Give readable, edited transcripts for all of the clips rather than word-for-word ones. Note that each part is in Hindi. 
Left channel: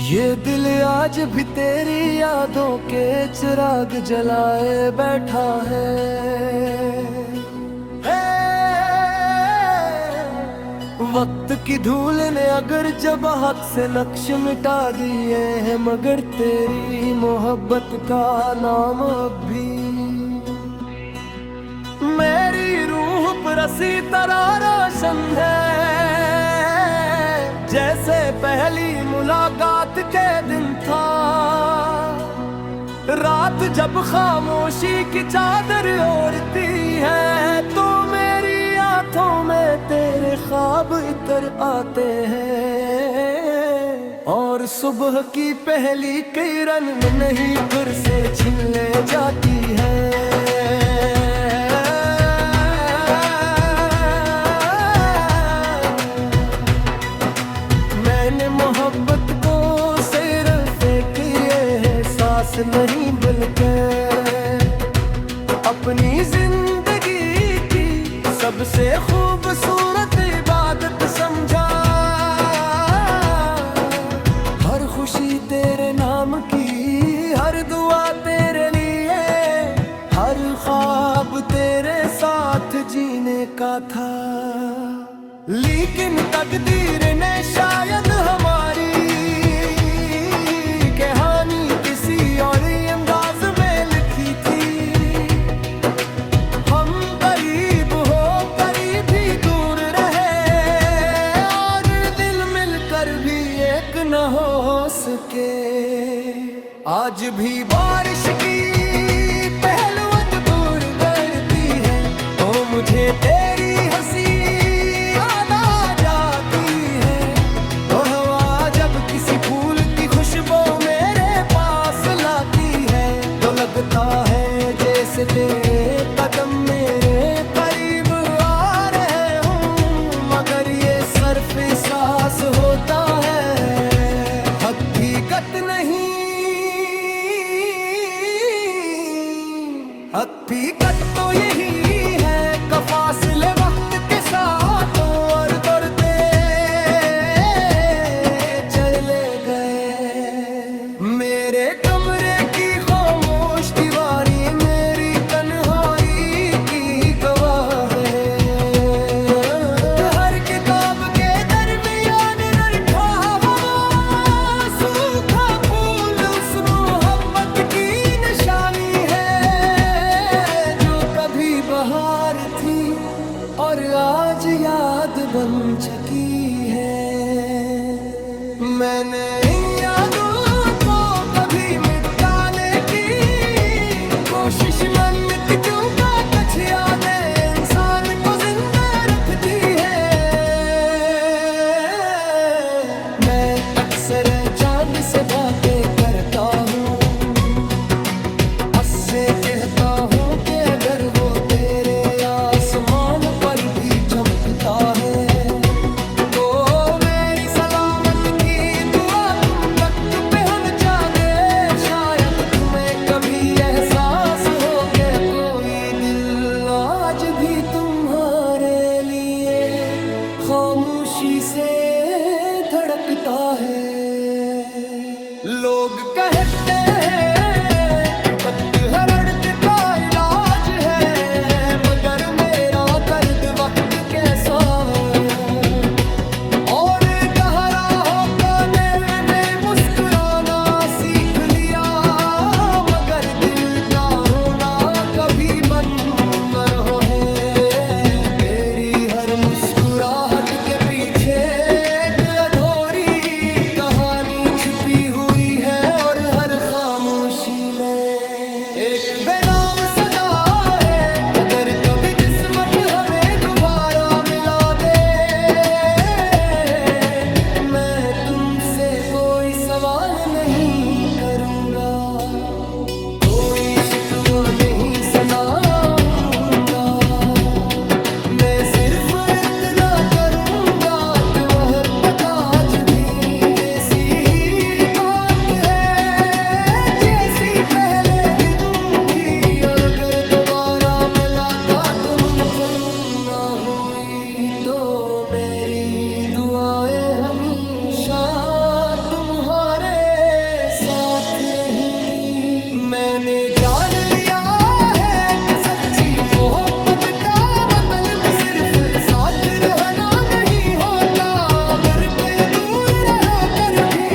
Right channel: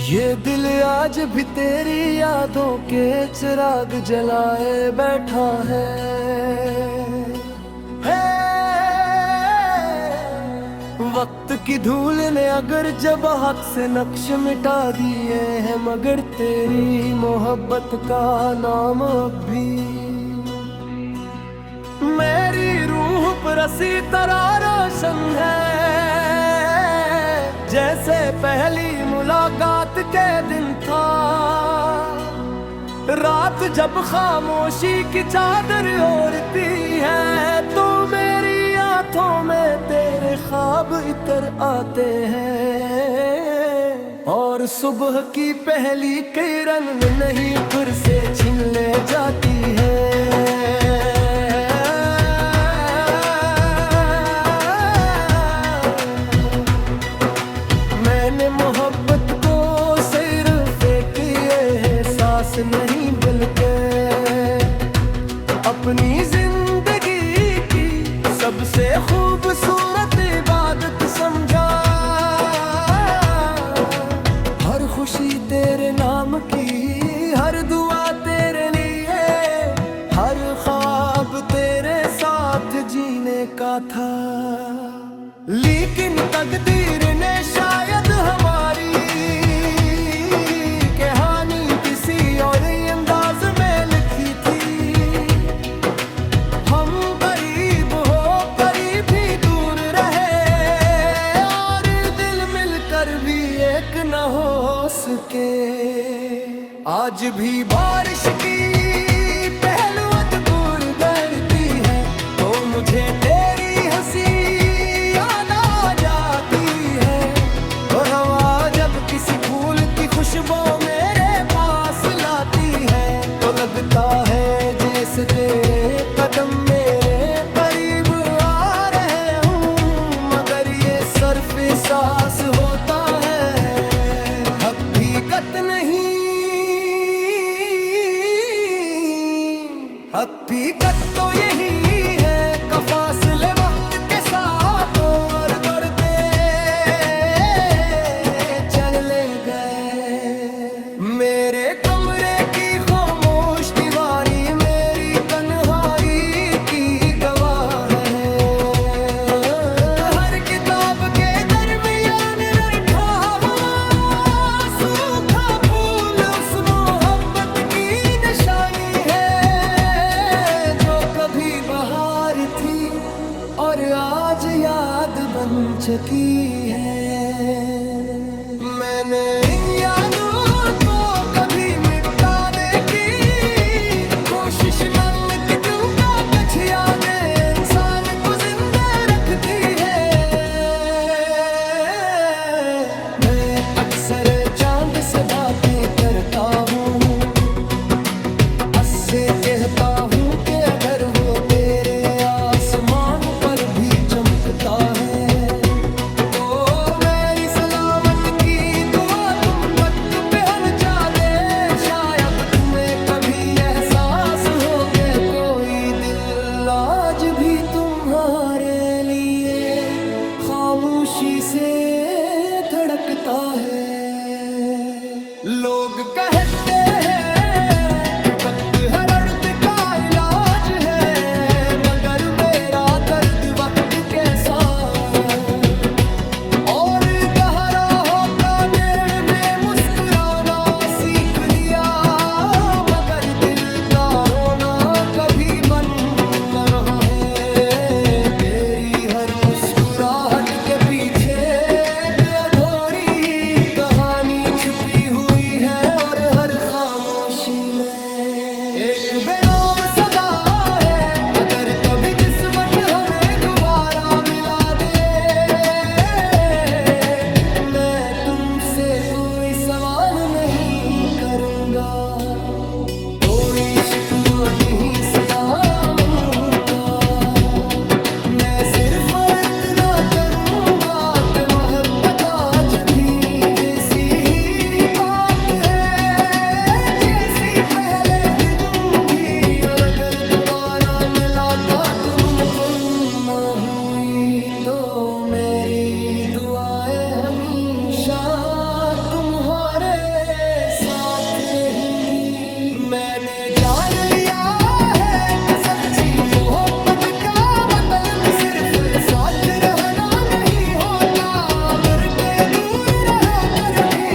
ये दिल आज भी तेरी यादों के चिराग जलाए बैठा है। वक्त की धूल ने अगर जब हाथ से नक्श मिटा दिए हैं, मगर तेरी मोहब्बत का नाम अब भी मेरी रूह पर हसी तरह रोशन है। जैसे पहली मुलाकात के दिन था, रात जब खामोशी की चादर ओढ़ती है, तो मेरी आंखों में तेरे ख्वाब इतर आते हैं। और सुबह की पहली किरण नहीं फिर से छीन ले जाती है। मैंने मोहब्बत को सिर्फ एक एहसास नहीं बल्कि अपनी जिंदगी की सबसे खूबसूरत इबादत समझा। हर खुशी तेरे नाम की, हर दुआ तेरे लिए, हर ख्वाब तेरे साथ जीने का था। लेकिन तकदीर ने शायद हमारी कहानी किसी और अंदाज में लिखी थी। हम करीब हो करीब भी दूर रहे, और दिल मिलकर भी एक न हो सके। आज भी बारिश की पहलुआं दूर करती है, तो मुझे तेरी हंसी किसी फूल की खुशबू मेरे पास लाती है, तो लगता है जैसे तेरे कदम मेरे करीब आ रहे हूँ। मगर ये सिर्फ एहसास होता है, हकीकत नहीं। हकीकत तो यही है कि फासले वक्त के साथ और दौड़ते चले गए। मेरे कमरे की खामोश दीवारी मेरी तन्हाई की गवाह है। हर किताब के दरमियान रखा हवा, सूखा फूल उस मोहब्बत की निशानी है, जो कभी बहार थी और आज याद बन चुकी है। मैंने इन यादों को कभी मिटाने की कोशिश मन की, क्योंकि कुछ यादें इंसान को जिंदा रखती है। मैं अक्सर चांद से बातें करता हूँ, से कहता हूँ कि अगर वो तेरे आसमान पर भी चमकता है, तो मेरी सलामत की दुआ तुम तक पहुंचा दे। शायद तुम्हें कभी एहसास हो कि कोई दिल आज भी तुम्हारे लिए खामोशी से धड़कता है। लोग कहते हैं तख्त हरदर्द का इलाज है, मगर मेरा दर्द वक्त कैसा है। और गहरा होकर मैंने मुस्कुराना सीख लिया, मगर दिल का रोना कभी बंद न रहा है। तेरी हर मुस्कुराहट के पीछे एक अधूरी कहानी छुपी हुई है, और हर खामोशी में एक बेनाम सदा है। अगर कभी किस्मत हमें दोबारा मिला दे, मैं तुमसे कोई सवाल नहीं करूंगा, कोई शिकवा नहीं सुनाऊंगा। मैं सिर्फ इतना करूंगा कि मोहब्बत आज भी वैसी ही बात है जैसी पहले के दिन भी। और अगर दोबारा मुलाकात मुमकिन न हुई, तो मेरी दुआएं हमेशा तुम तुम्हारे साथ रहेंगी। मैंने जान लिया है कि सच्ची मोहब्बत का मतलब सिर्फ साथ रहना नहीं होता, बल्कि दूर रहो कर भी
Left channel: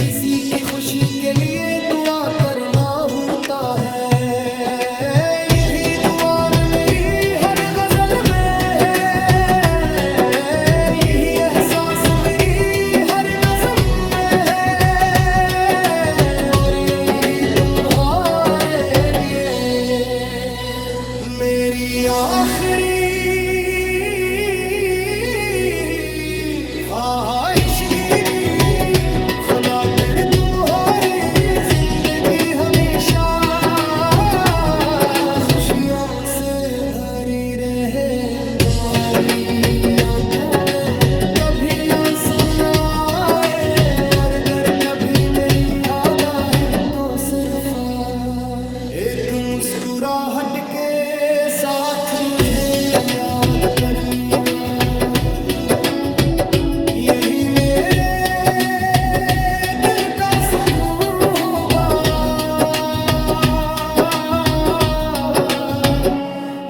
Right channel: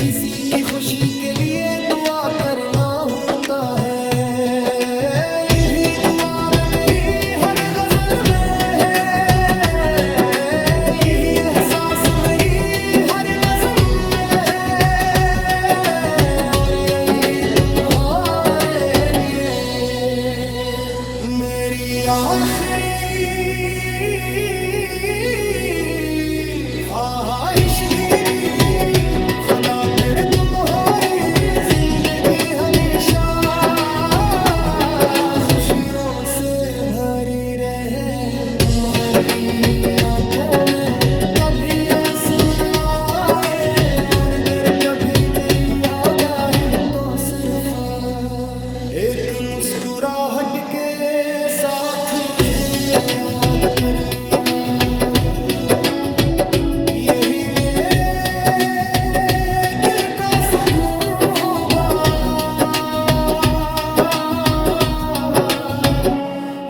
किसी की खुशी के लिए दुआ करना होता है। ये भी दुआ में मेरी हर गजल में है, यही एहसास मेरी हर नज़्म में है, और यही तुम्हारे लिए मेरी आखिरी ख्वाहिश की। खुदा कर तुम्हारी जिंदगी हमेशा खुशियों से भरी रहे, तुम्हारी आंखों में कभी आंसू ना आए, और अगर कभी मेरी याद आई तो सिर्फ एक मुस्कुराहट के साथ मुझे याद करनी आया। यही मेरे दिल का सुकून होगा,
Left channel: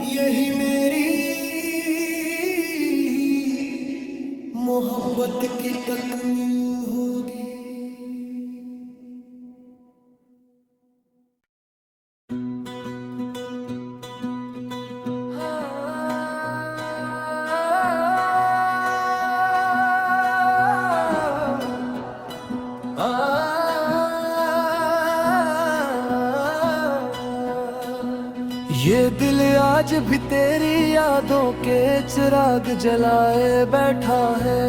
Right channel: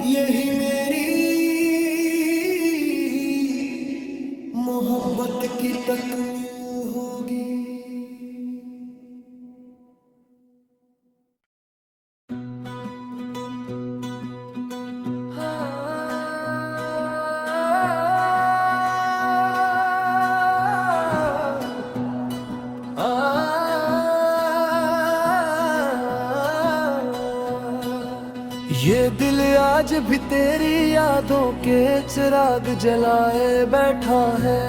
यही मेरी मोहब्बत की तकमील होगी। ये दिल आज भी तेरी यादों के चिराग जलाए बैठा है।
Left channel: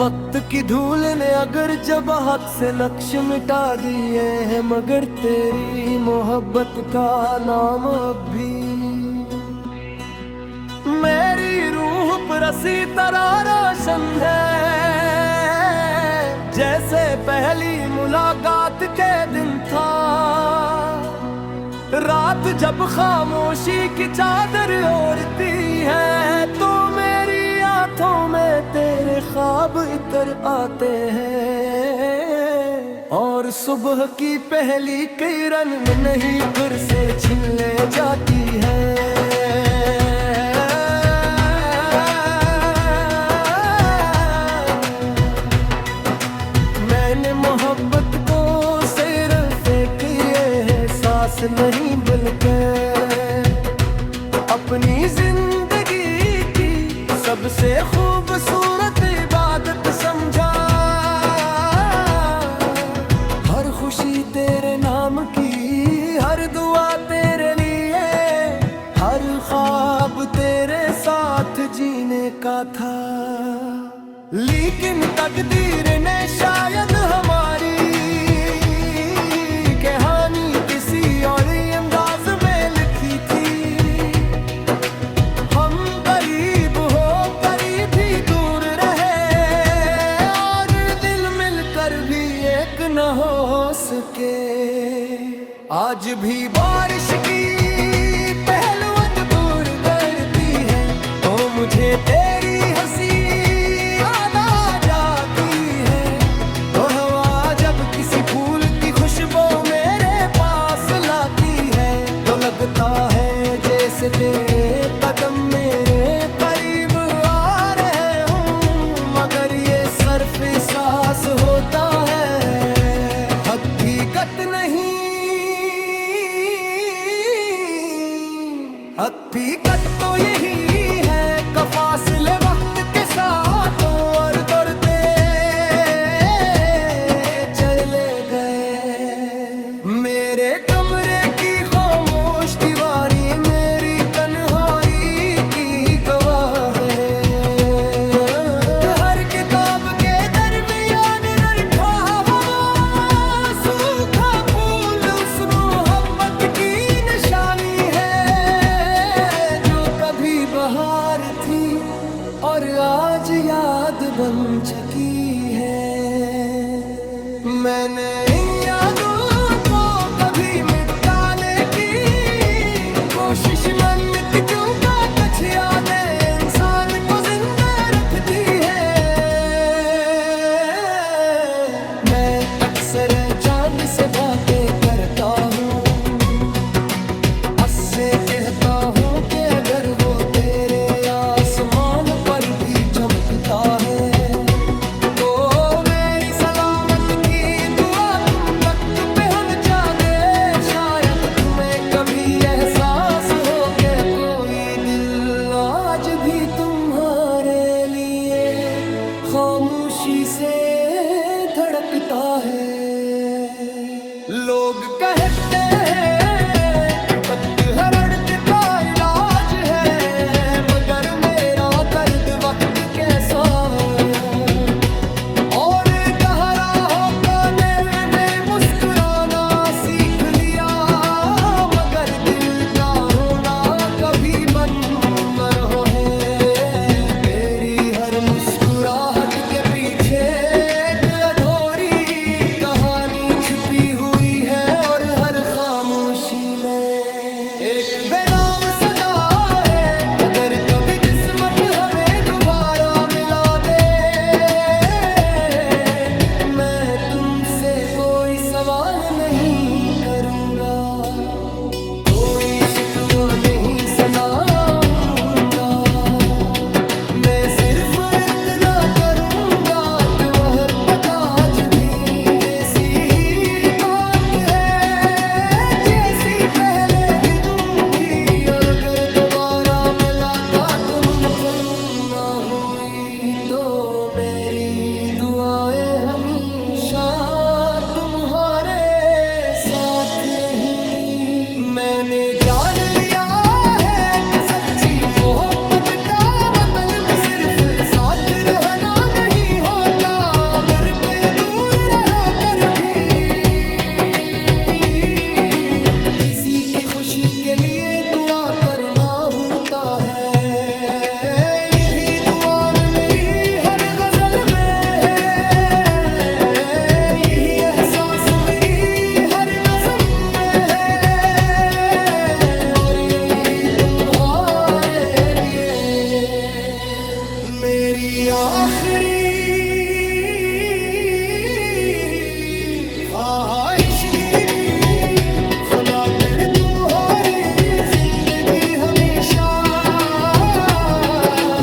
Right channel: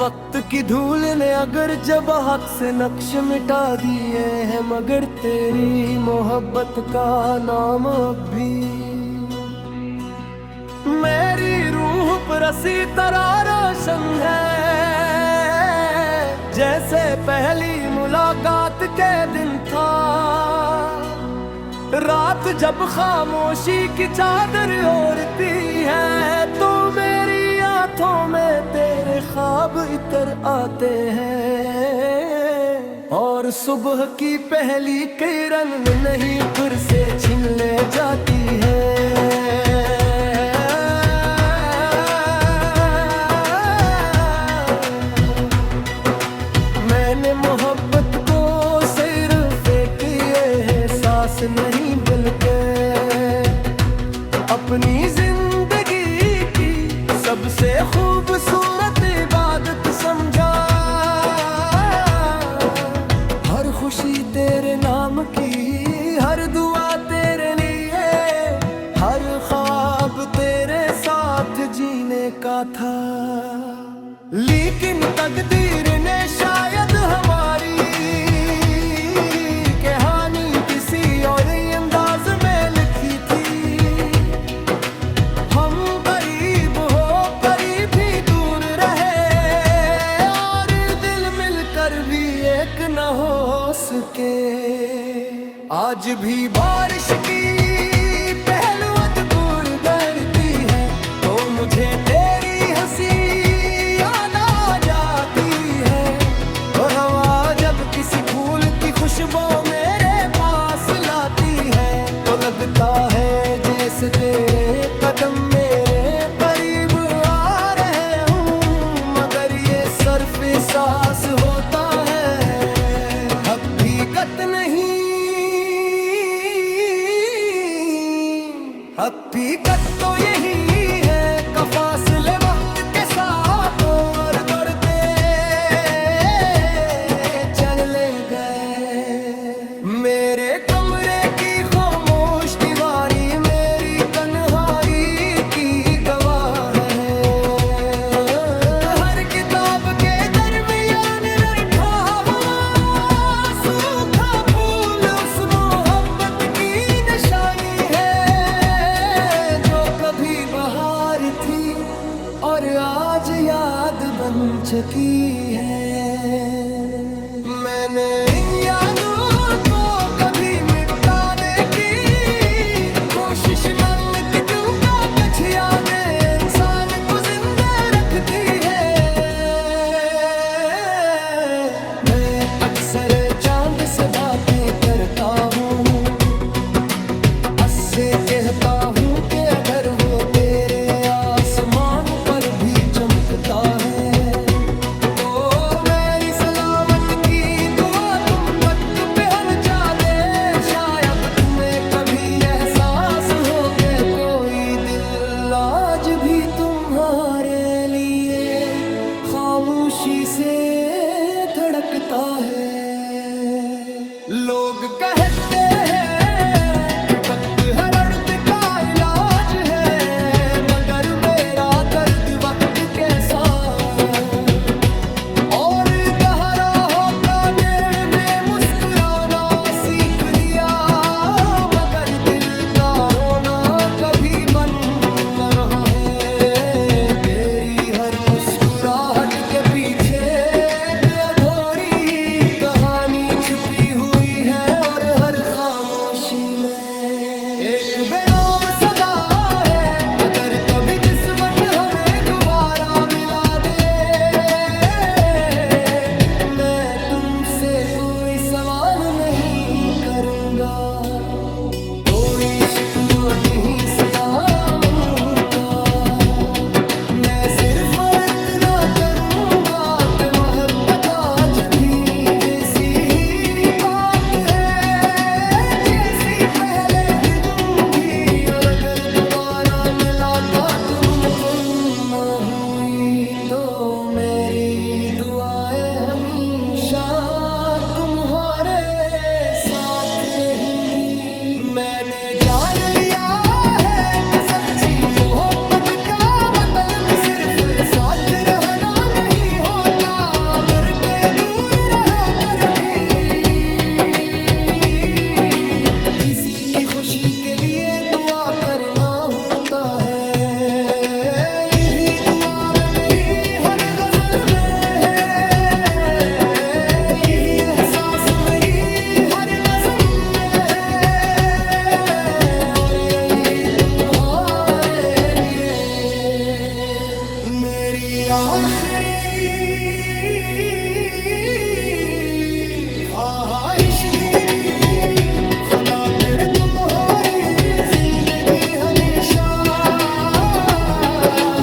वक्त की धूल ने अगर जब हाथ से नक्श मिटा दिए हैं, मगर तेरी मोहब्बत का नाम अब भी मेरी रूह पर हंसी तरह रोशन है। जैसे पहली मुलाकात के दिन था, रात जब खामोशी की चादर ओढ़ती है, तो मेरी आंखों में तेरे ख्वाब इतर आते हैं, और सुबह की पहली किरण नहीं फिर से छीन ले जाती है। मैंने मोहब्बत को सिर्फ एक एहसास नहीं बल्कि अपनी जिंदगी की सबसे खूबसूरत इबादत समझा। हर खुशी तेरे नाम की, हर दुआ तेरे लिए, हर ख्वाब तेरे साथ जीने का था। लेकिन तकदीर ने शायद हमारी कहानी किसी और अंदाज में लिखी थी। हम करीब हो करीब भी दूर रहे, और दिल मिलकर भी एक न हो सके। आज भी बारिश की पहलुआं दूर करती है, तो मुझे तेरी हंसी किसी फूल की खुशबू मेरे पास लाती है, तो लगता है जैसे तेरे कदम मेरे करीब आ रहे हूँ, मगर ये सिर्फ एहसास होता है, हकीकत नहीं। हकीकत तो यही है कि फासले वक्त के साथ और दौड़ते चले गए। मेरे कमरे की खामोश दीवारी मेरी तन्हाई की गवाह है। हर किताब के दरमियान रखा हुआ सूखा फूल उस मोहब्बत की निशानी है, जो कभी बहार थी और आज याद बन चुकी है। मैंने इन यादों को कभी मिटाने की कोशिश मन क्यों का कछ कहता हूँ कि अगर वो तेरे आसमान पर भी चमकता है तो मेरी सलामत की दुआ तुम तख्त पे पहुंचा दे। शायद तुम्हें कभी एहसास हो के कोई दिल आज भी तुम्हारे लिए खामोशी से धड़कता है। लोग कहते हैं कि पतझड़ का इलाज है, मगर मेरा दर्द वक्त कैसा है। और गहरा होकर मैंने मुस्कुराना सीख लिया, मगर दिल का रोना कभी बंद न रहा है। तेरी हर मुस्कुराहट के पीछे एक अधूरी कहानी छुपी हुई है, और हर खामोशी में एक बेनाम सदा है। अगर कभी किस्मत हमें दोबारा मिला दे, मैं तुमसे कोई सवाल नहीं करूंगा, कोई शिकवा नहीं सुनाऊंगा। मैं सिर्फ इतना करूंगा कि मोहब्बत आज भी वैसी ही बात है जैसी पहले दिन भी। और अगर दोबारा मुलाकात मुमकिन न हुई तो मेरी दुआएं हमेशा तुम्हारे साथ रहेंगी। मैंने जान लिया है कि सच्ची मोहब्बत का मतलब सिर्फ साथ रहना नहीं होता, अगर के दूर रहो कर भी किसी की खुशी के लिए दुआ करना होता है। ये भी दुआ में मेरी हर गजल में है, यही एहसास मेरी हर नज़्म में है, और यही तुम्हारे लिए मेरी आखिरी ख्वाहिश की। खुदा फिर तुम्हारी जिंदगी हमेशा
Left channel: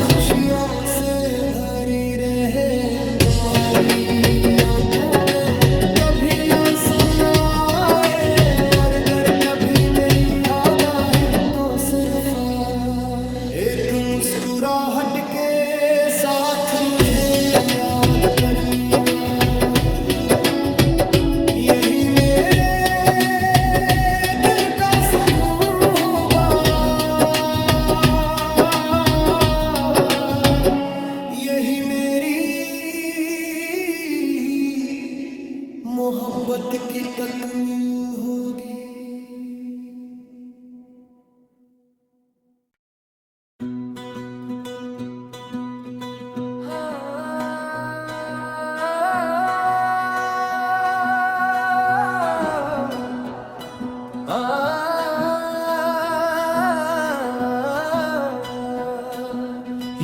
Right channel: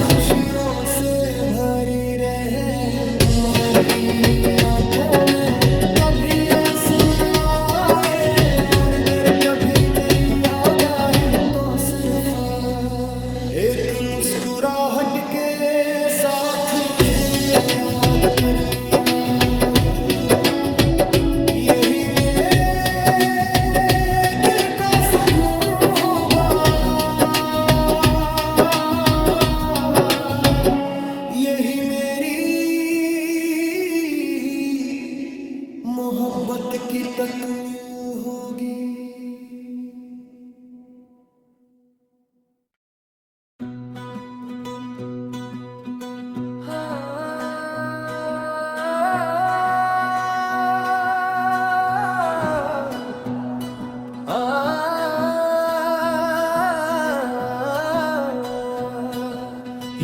खुशियों से भरी रहे, तुम्हारी आंखों में कभी आंसू न आए, और अगर कभी मेरी याद आई तो सिर्फ एक मुस्कुराहट के साथ मुझे याद करनी आ। यही मेरे दिल का सुकून होगा, यही मेरी मोहब्बत की तकमील होगी।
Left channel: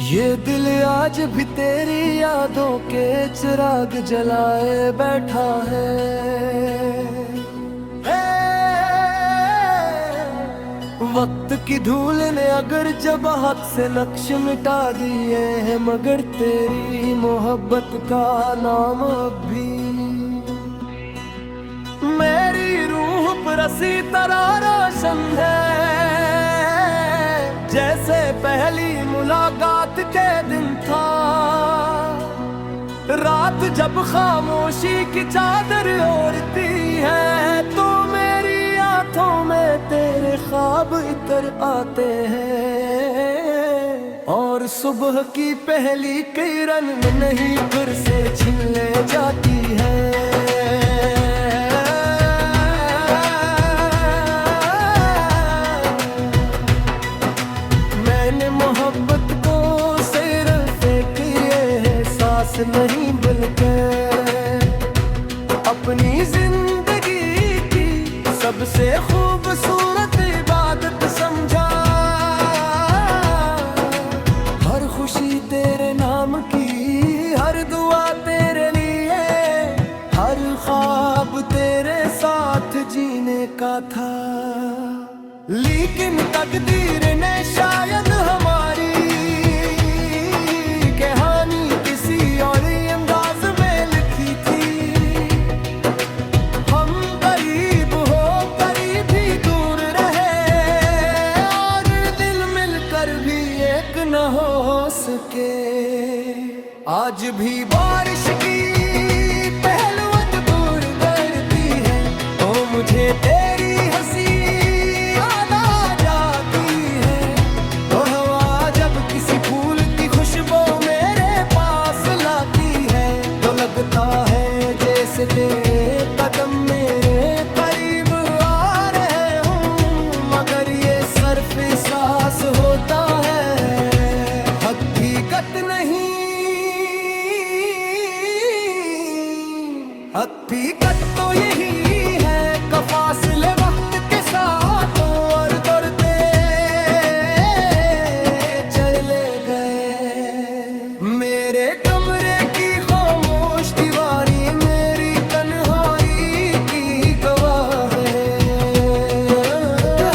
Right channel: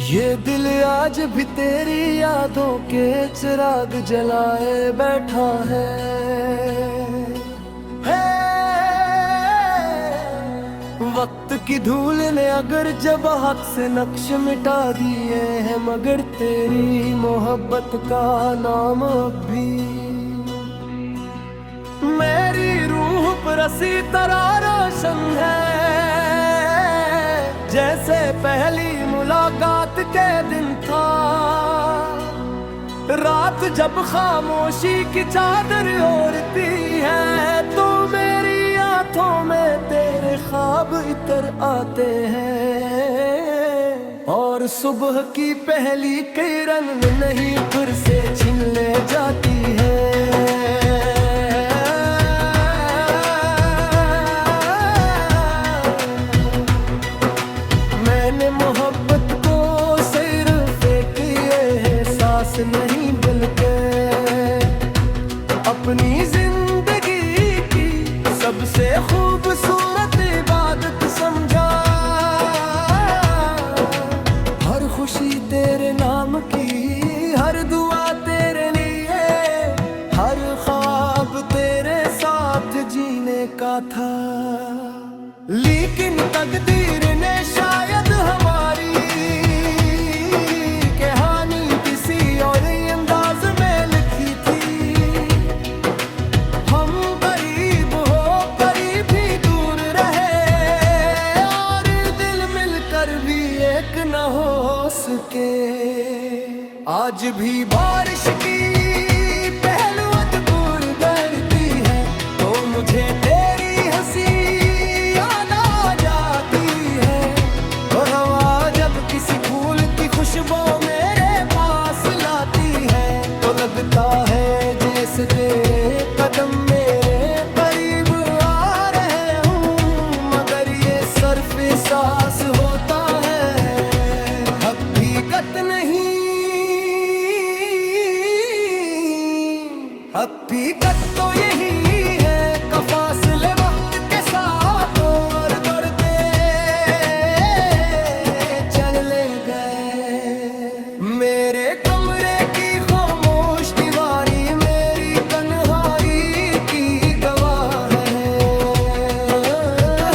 ये दिल आज भी तेरी यादों के चिराग जलाए बैठा है। वक्त की धूल ने अगर जब हाथ से नक्श मिटा दिए हैं, मगर तेरी मोहब्बत का नाम अब भी मेरी रूह पर असी तरह रोशन है। जैसे पहली मुलाकात के दिन था, रात जब खामोशी की चादर ओढ़ती है, तो मेरी आंखों में तेरे ख्वाब इतर आते हैं, और सुबह की पहली किरण नहीं फिर से छीन ले जाती है। मैंने मोहब्बत को सिर्फ एक एहसास नहीं बल्कि अपनी जिंदगी की सबसे खूबसूरत इबादत समझा। हर खुशी तेरे नाम की, हर दुआ तेरे लिए, हर ख्वाब तेरे साथ जीने का था। लेकिन तकदीर ने शायद हमारी कहानी किसी और अंदाज में लिखी थी। हम करीब हो करीब भी दूर रहे और दिल मिलकर भी एक न हो सके। आज भी बारिश की पहलुआं दूर करती है तो मुझे तेरी हंसी याद आ जाती है। तो हवा जब किसी फूल की खुशबू मेरे पास लाती है तो लगता है जैसे तेरे कदम मेरे करीब आ रहे हूँ, मगर ये सिर्फ एहसास होता है, हकीकत नहीं। हकीकत तो यही है कि फासले वक्त के साथ और दौड़ते चले गए। मेरे कमरे की खामोश दीवारी मेरी तन्हाई की गवाह है।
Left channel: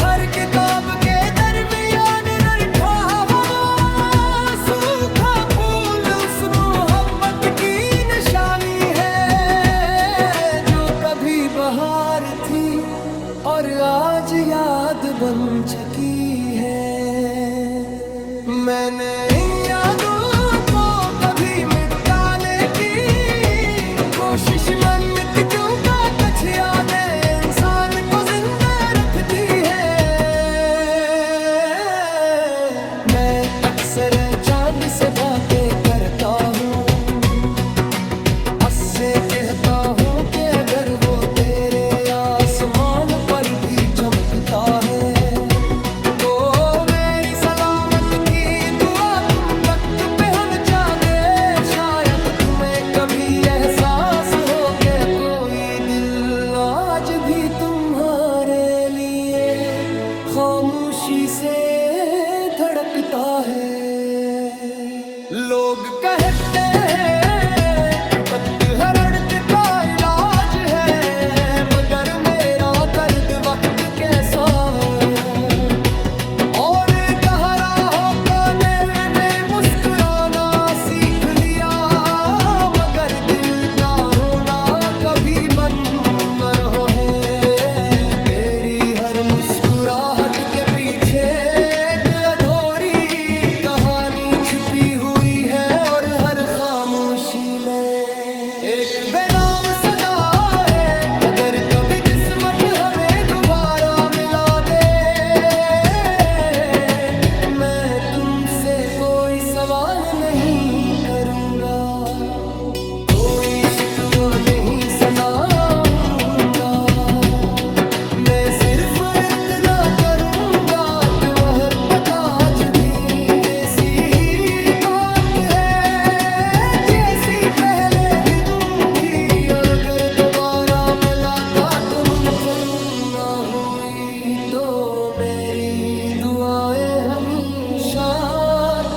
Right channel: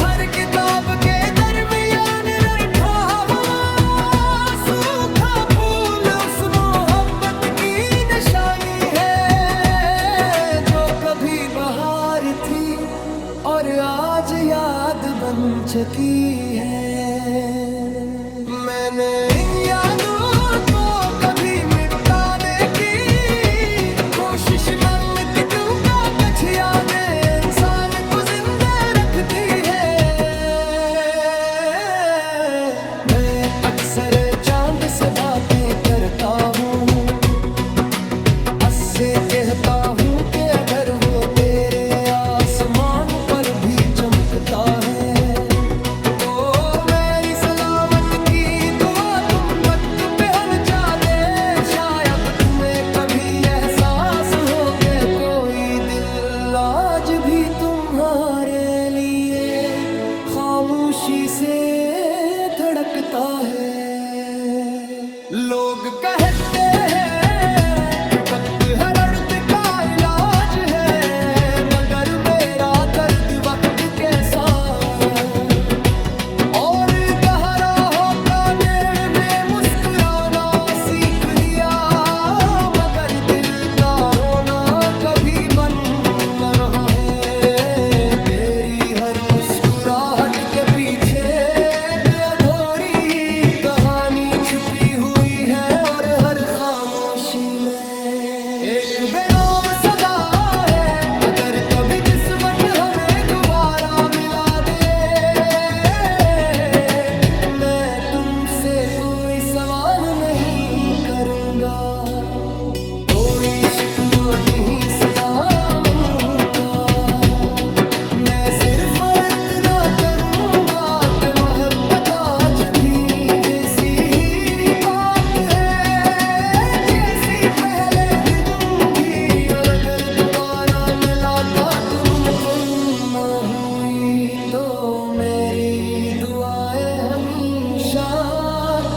हर किताब के दरमियान रखा हुआ सूखा फूल उस मोहब्बत की निशानी है जो कभी बहार थी और आज याद बन चुकी है। मैंने इन यादों को कभी मिटाने की कोशिश मत क्यों का कुछ यादें इंसान को जिंदा रखती है। मैं अक्सर चांद से बातें करता हूँ, से कहता हूँ कि अगर वो तेरे आसमान पर भी चमकता है तो मेरी सलामत की दुआ तुम तक पहुंचा दे। शायद तुम्हें कभी एहसास हो के कोई दिल आज भी तुम्हारे लिए खामोशी से धड़कता है। लोग कहते हैं दर्द का इलाज है, मगर मेरा दर्द वक्त कैसा और गहरा होकर मैंने मुस्कुराना सीख लिया, मगर दिल का रोना कभी बंद न रहा है। तेरी हर मुस्कुराहट के पीछे एक अधूरी कहानी छुपी हुई है और हर खामोशी में एक बेनाम सदा है। अगर कभी किस्मत हमें दोबारा मिला दे मैं तुमसे कोई सवाल नहीं करूंगा, कोई शिकवा नहीं सुनाऊंगा। मैं सिर्फ इतना करूंगा कि मोहब्बत आज भी वैसी ही बात है जैसी पहले दिनों भी। और अगर दोबारा मुलाकात मुमकिन न हुई तो मेरी दुआएं हमेशा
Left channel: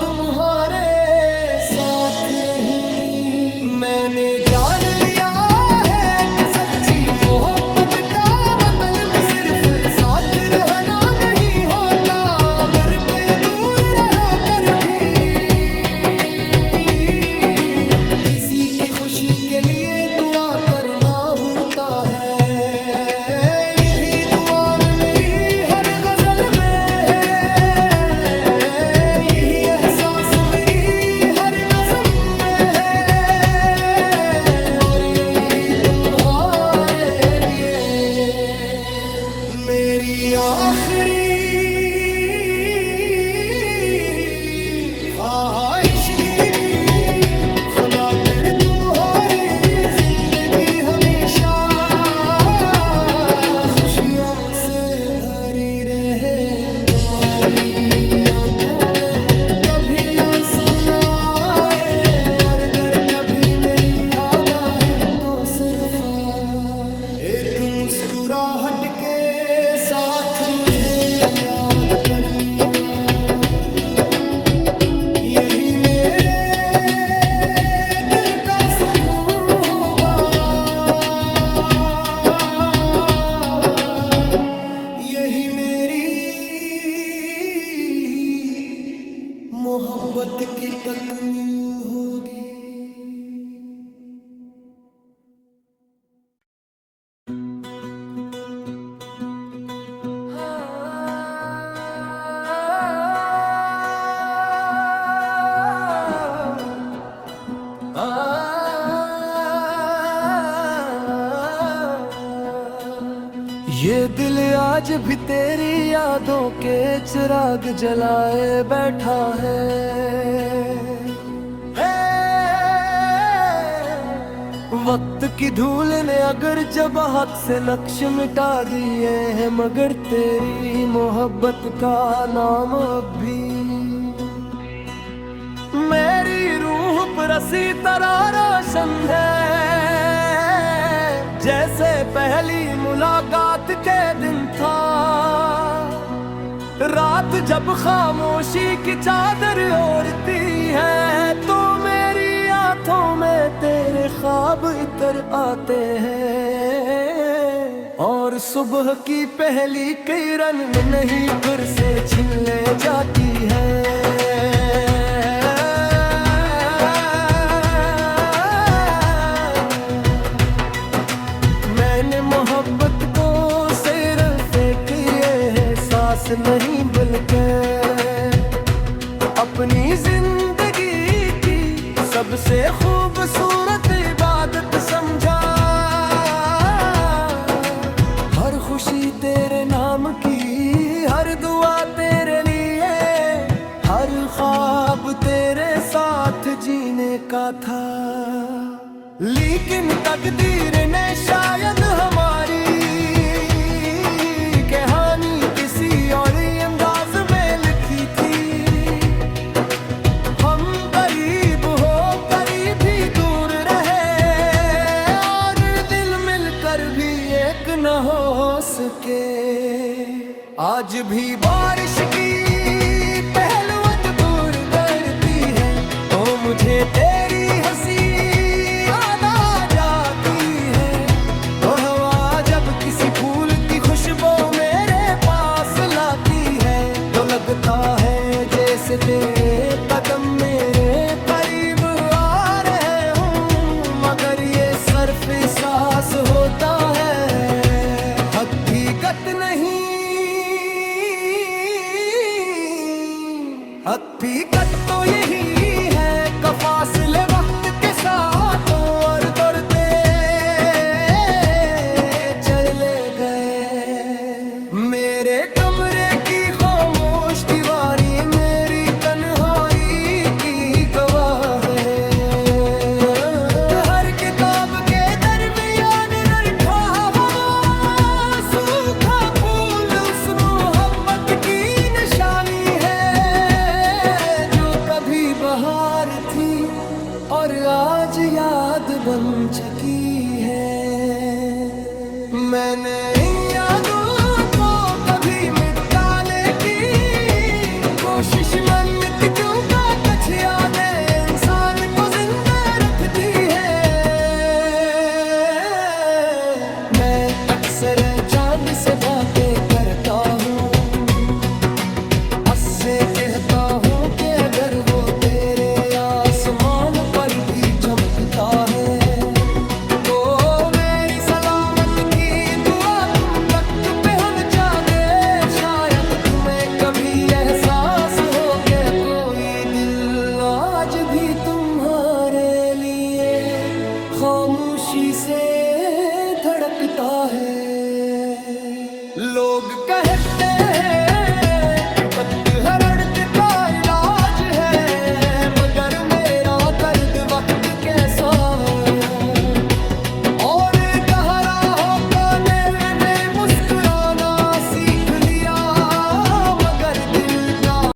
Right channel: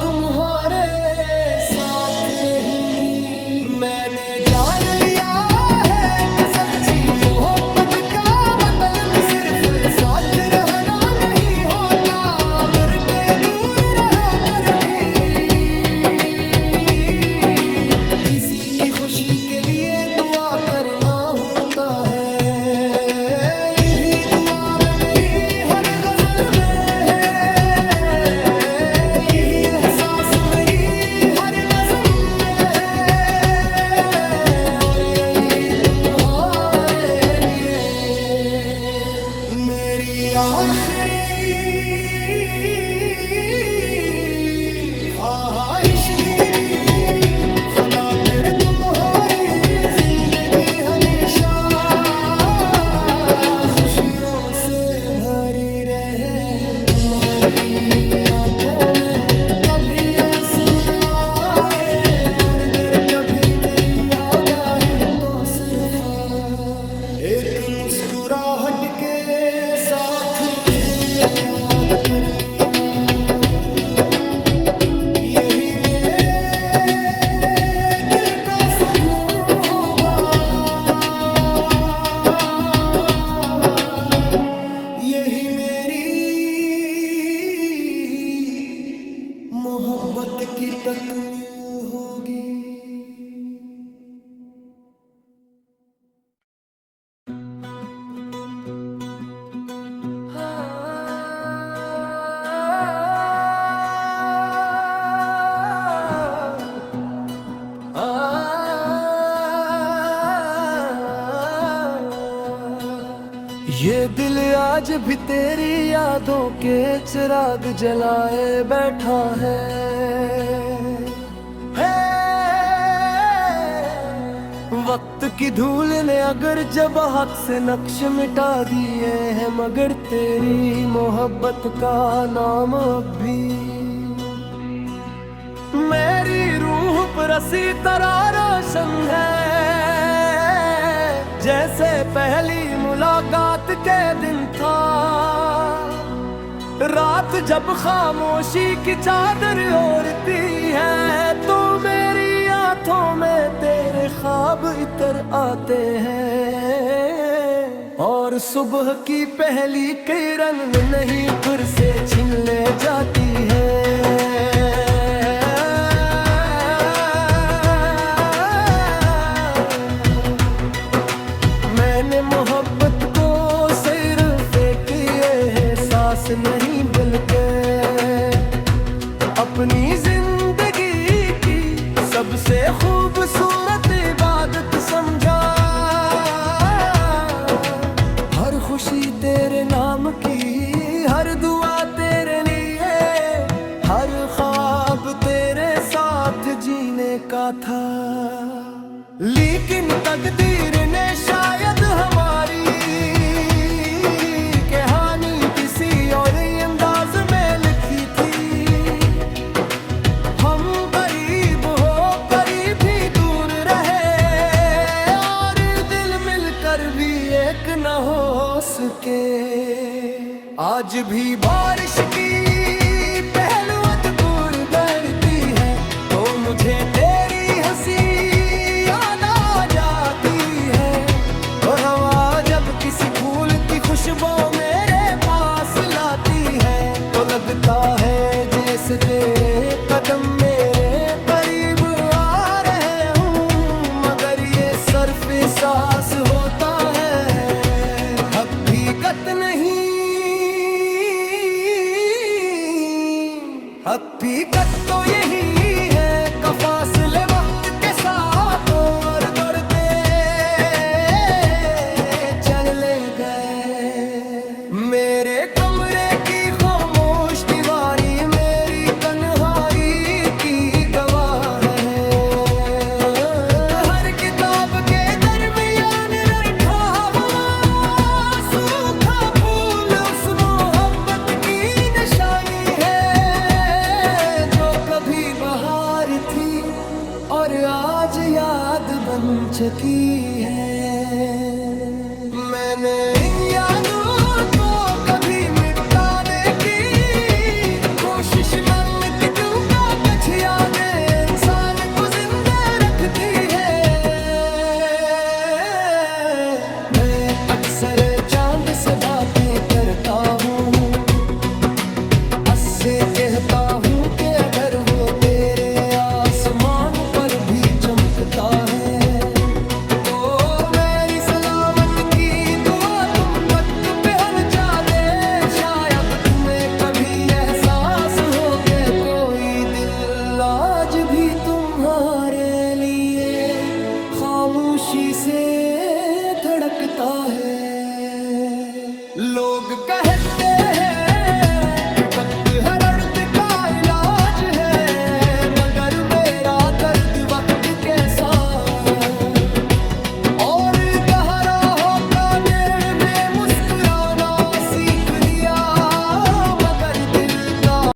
तुम्हारे साथ रहेंगी। मैंने जान लिया है कि सच्ची मोहब्बत का मतलब सिर्फ साथ रहना नहीं होता, अगर के दूर रहो कर भी किसी की खुशी के लिए दुआ करना होता है। ये भी दुआ में मेरी हर गजल में है, यही एहसास मेरी हर नज़्म में है और यही तुम्हारे लिए मेरी आखिरी ख्वाहिश की भी। खुदा फिर तुम्हारी जिंदगी हमेशा खुशियों से भरी रहे, तुम्हारी आंखों में कभी आंसू न आए और अगर कभी मेरी याद आई तो सिर्फ एक मुस्कुराहट के साथ मुझे याद करनी आया। यही मेरे दिल का सुकून होगा, यही मेरी मोहब्बत की तकमील होगी। ये दिल आज भी तेरी यादों के चिराग जलाए बैठा है। वक्त की धूल ने अगर जब हाथ से नक्श मिटा दिए हैं, मगर तेरी मोहब्बत का नाम अब भी मेरी रूह पर असी तरह रोशन है। जैसे पहली मुलाकात के दिन था, रात जब खामोशी की चादर ओढ़ती है, तो मेरी आंखों में तेरे ख्वाब इतर आते हैं। और सुबह की पहली किरण नहीं फिर से छीन ले जाती है। मैंने मोहब्बत को सिर्फ एक एहसास नहीं बल्कि अपनी जिंदगी की सबसे खूबसूरत इबादत समझा। हर खुशी तेरे नाम की, हर दुआ तेरे लिए, हर ख्वाब तेरे साथ जीने का था। लेकिन तकदीर ने शायद हमारी कहानी किसी और अंदाज में लिखी थी। हम करीब हो करीब ही दूर रहे, और दिल मिलकर भी एक न हो सके। आज भी बारिश की पहलुआं दूर करती है, तो मुझे तेरी हंसी किसी फूल की खुशबू मेरे पास लाती है, तो लगता है जैसे तेरे कदम मेरे करीब आ रहे हूँ। मगर ये सिर्फ एहसास होता है, हकीकत नहीं। हकीकत तो यही है कि फासले वक्त के साथ और दौड़ते चले गए। मेरे कमरे की खामोश दीवारी मेरी तन्हाई की गवाह है। हर किताब के दरमियान रखा हुआ सूखा फूल उस मोहब्बत की निशानी है, जो कभी बहार थी और आज याद बन चुकी है। मैंने इन यादों को कभी मिटाने की कोशिश में क्यों का कुछ यादें इंसान को जिंदा रखती है। मैं अक्सर चांद से बातें करता हूँ, से कहता हूँ कि अगर वो तेरे आसमान पर भी चमकता है, तो मेरी सलामत की दुआ तुम तक पहुंचा दे। शायद तुम्हें कभी एहसास हो कि कोई दिल आज भी तुम्हारे लिए खामोशी से धड़कता है। लोग कहते हैं कि तख्त है